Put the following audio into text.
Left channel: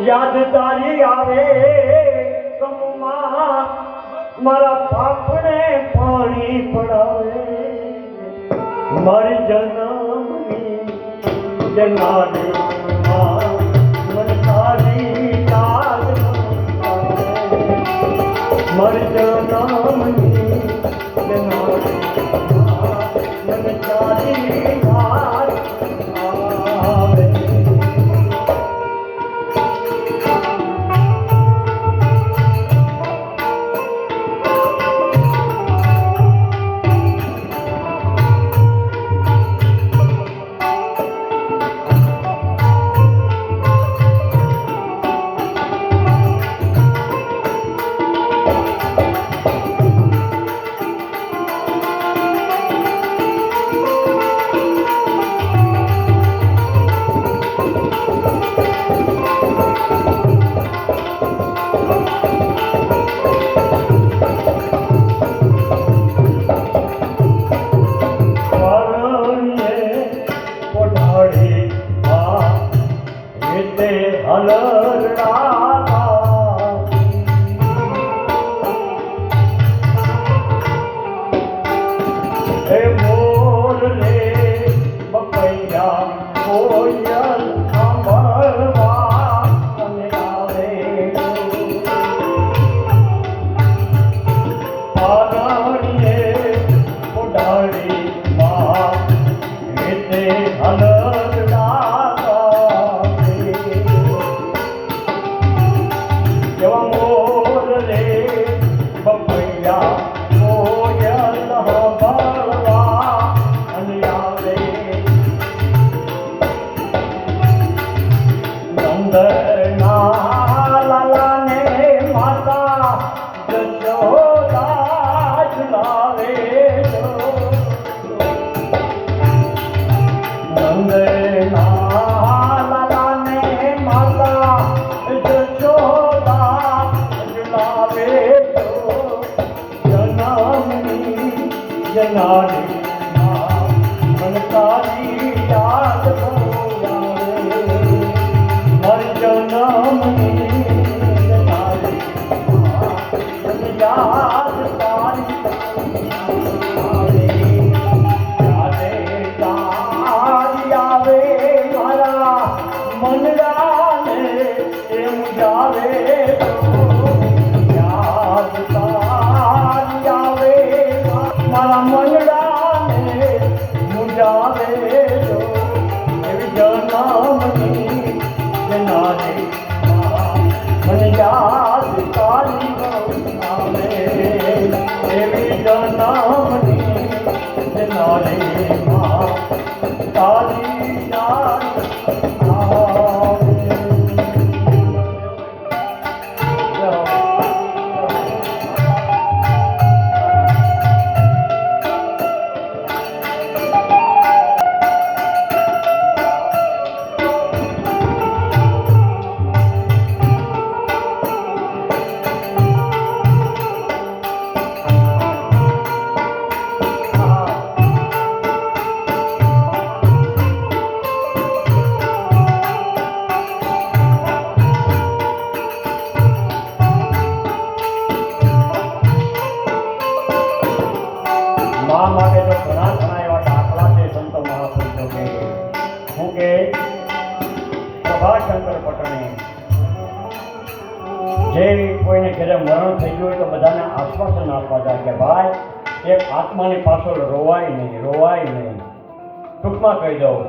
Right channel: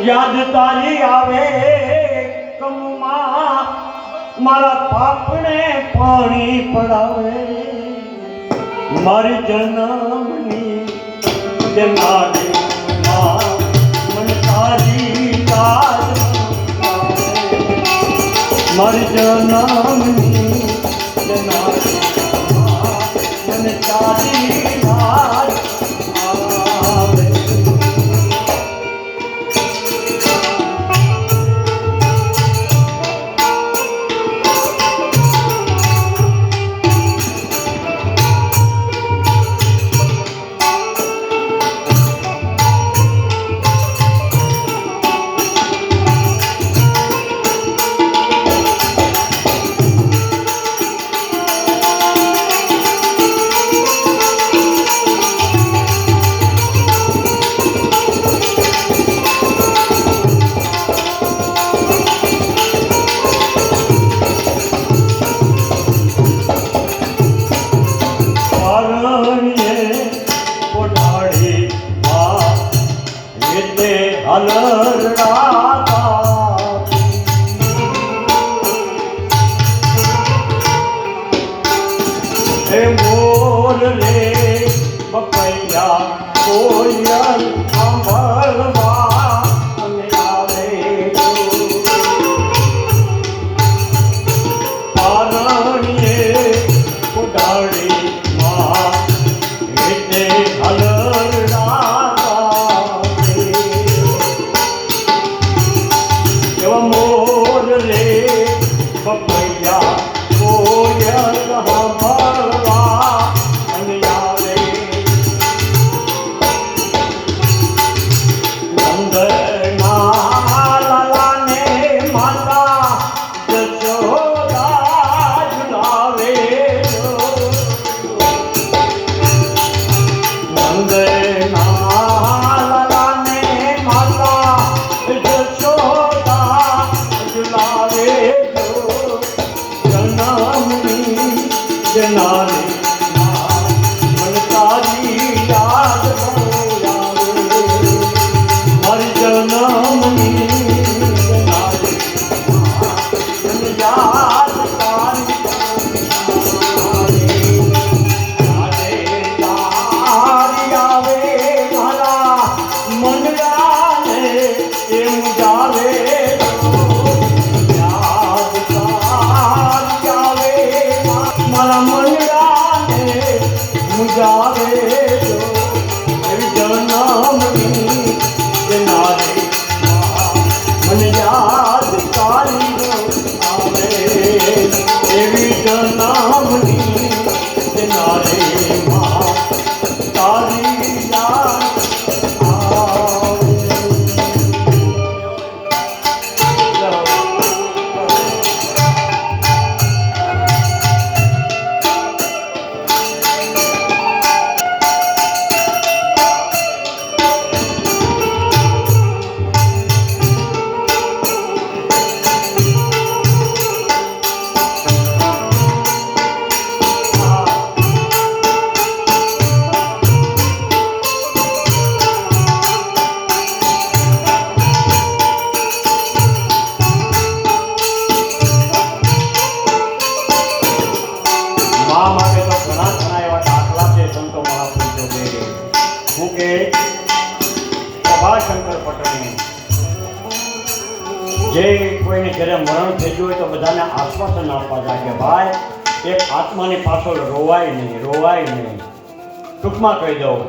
યાદ તારી આવે કમમાં મારા પાપને પાણી પડાવે મારી જન્મની જનાડી મન તારી યાદ મારી જન્મની જનાડી મન તારી યાદ આવે જે કોઈને ઘરે મરણ થઈ ગયું હોય તો બધાને આશ્વાસન આપવા જાય કે ભાઈ એક આત્માની પાછળ રોવાય નહીં ટૂંકમાં કહી દઉં